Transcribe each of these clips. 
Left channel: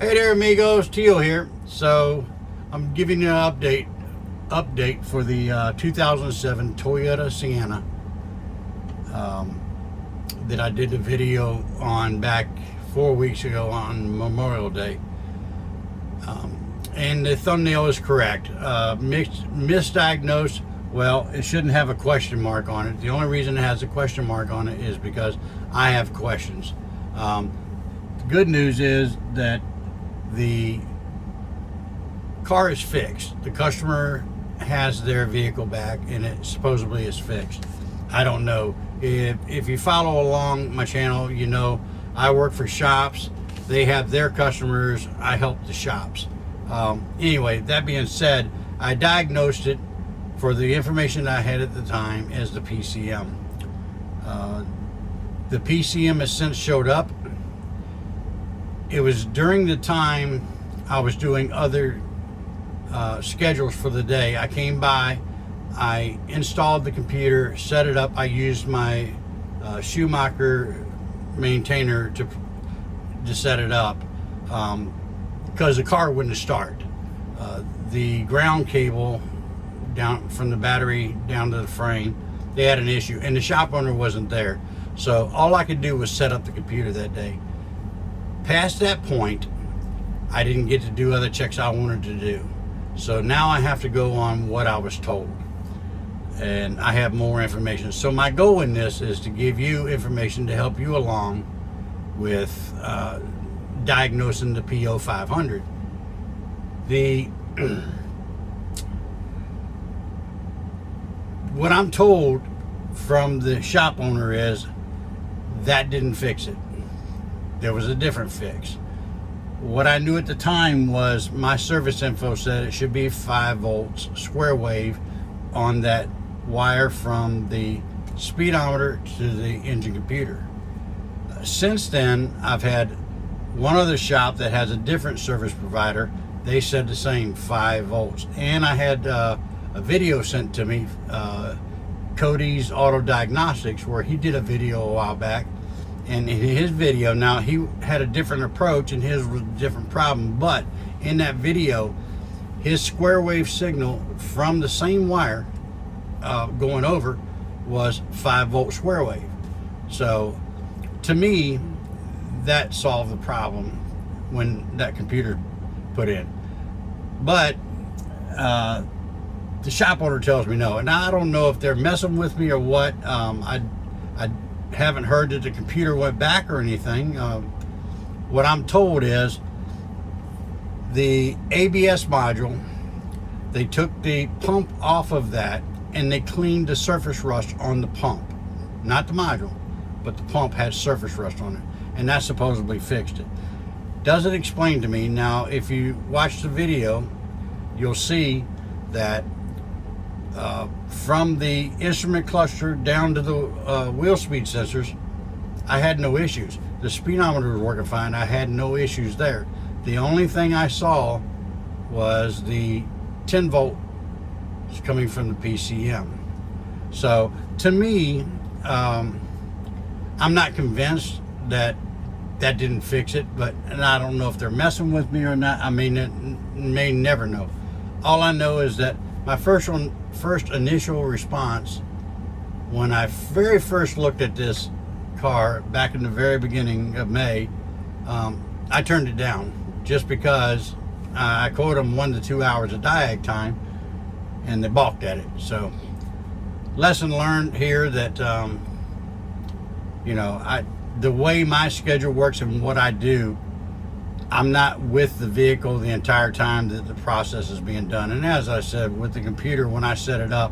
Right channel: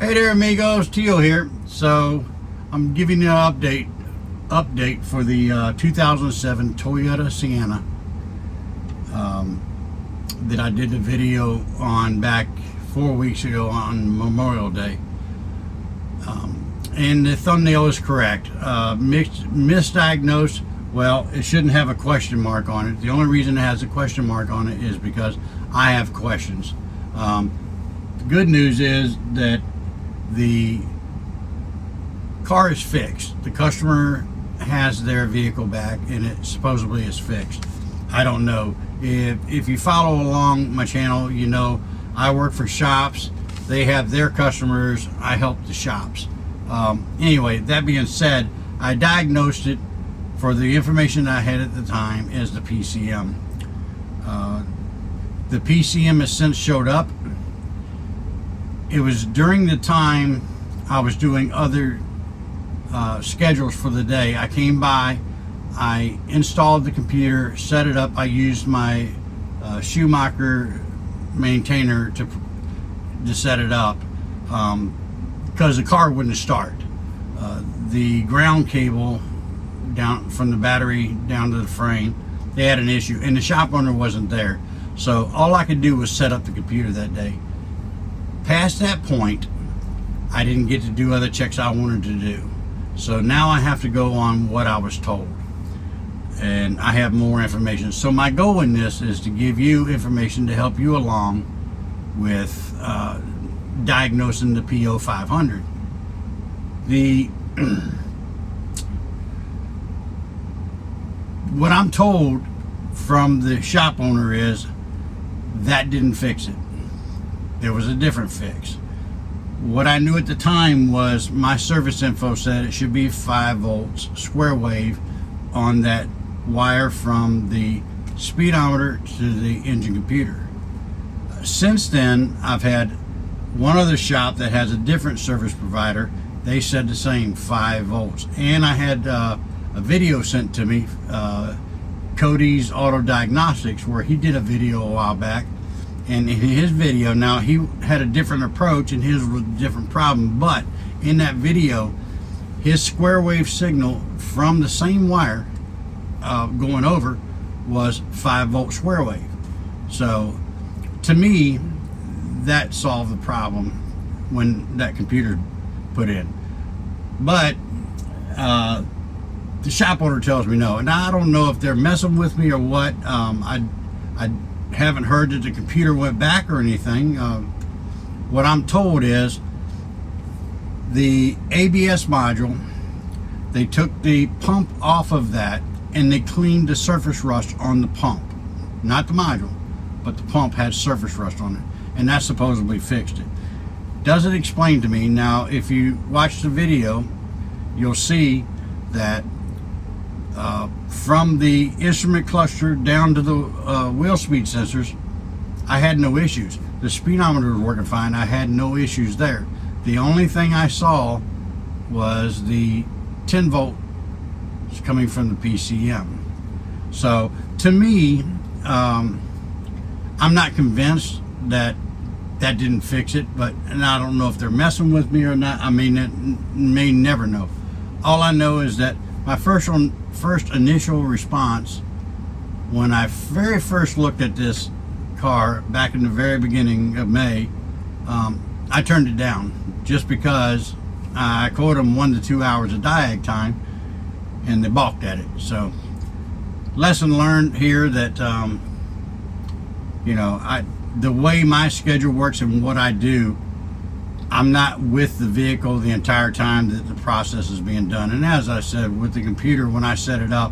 Hey there, amigos. Teal here. So I'm giving you an update for the 2007 Toyota Sienna that I did the video on back 4 weeks ago on Memorial Day. And the thumbnail is correct. Misdiagnosed. Well, it shouldn't have a question mark on it. The only reason it has a question mark on it is because I have questions. The good news is that the car is fixed. The customer has their vehicle back and it supposedly is fixed. I don't know. If you follow along my channel, you know I work for shops. They have their customers. I help the shops. Anyway, that being said, I diagnosed it for the information I had at the time as the PCM. The PCM has since showed up. It was during the time I was doing other schedules for the day. I came by, I installed the computer, set it up. I used my Schumacher maintainer to set it up because the car wouldn't start. The ground cable down from the battery down to the frame, they had an issue, and the shop owner wasn't there. So all I could do was set up the computer that day. Past that point, I didn't get to do other checks I wanted to do. So now I have to go on what I was told. And I have more information. So my goal in this is to give you information to help you along with diagnosing the P0500. What I'm told from the shop owner is that didn't fix it. There was a different fix. What I knew at the time was my service info said it should be 5 volts square wave on that wire from the speedometer to the engine computer. Since then, I've had one other shop that has a different service provider. They said the same, 5 volts. And I had a video sent to me, Cody's Auto Diagnostics, where he did a video a while back. And in his video, now he had a different approach and his was a different problem, but in that video, his square wave signal from the same wire going over was 5 volt square wave. So to me, that solved the problem when that computer put in. But the shop owner tells me no. And I don't know if they're messing with me or what. I haven't heard that the computer went back or anything. What I'm told is the ABS module, they took the pump off of that and they cleaned the surface rust on the pump. Not the module, but the pump had surface rust on it, and that supposedly fixed it. Doesn't explain to me. Now, if you watch the video, you'll see that from the instrument cluster down to the wheel speed sensors, I had no issues. The speedometer was working fine. I had no issues there. The only thing I saw was the 10 volt coming from the PCM. So to me, I'm not convinced that that didn't fix it, and I don't know if they're messing with me or not. I may never know. All I know is that my first initial response when I very first looked at this car back in the very beginning of May, I turned it down just because I quoted them 1 to 2 hours of diag time and they balked at it. So lesson learned here that the way my schedule works and what I do, I'm not with the vehicle the entire time that the process is being done. And as I said, with the computer, when I set it up,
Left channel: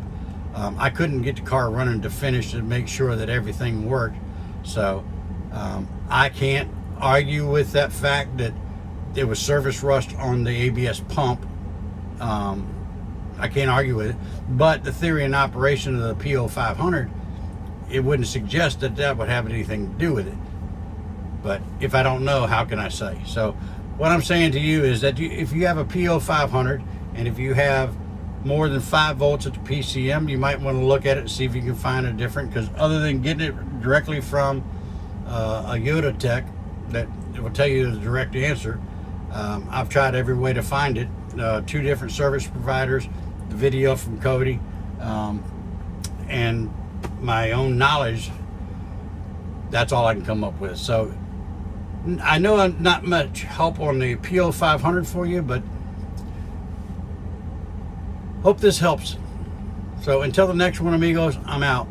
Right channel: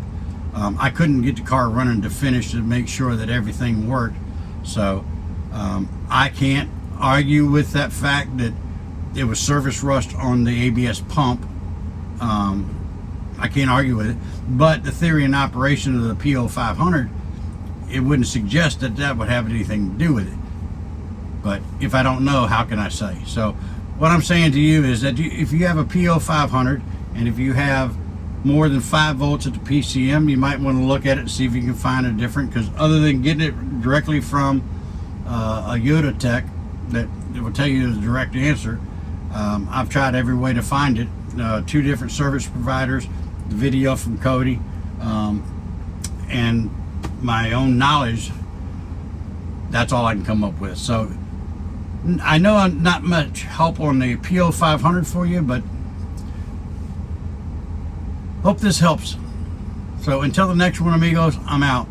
I couldn't get the car running to finish to make sure that everything worked. So I can't argue with that fact that it was surface rust on the ABS pump. I can't argue with it. But the theory and operation of the P0500, it wouldn't suggest that that would have anything to do with it. But if I don't know, how can I say? So what I'm saying to you is that if you have a P0500 and if you have more than 5 volts at the PCM, you might want to look at it and see if you can find a different, because other than getting it directly from a Toyota tech that will tell you the direct answer, I've tried every way to find it. 2 different service providers, the video from Cody, and my own knowledge. That's all I can come up with. So I know I'm not much help on the P0500 for you, but hope this helps. So until the next one, amigos, I'm out.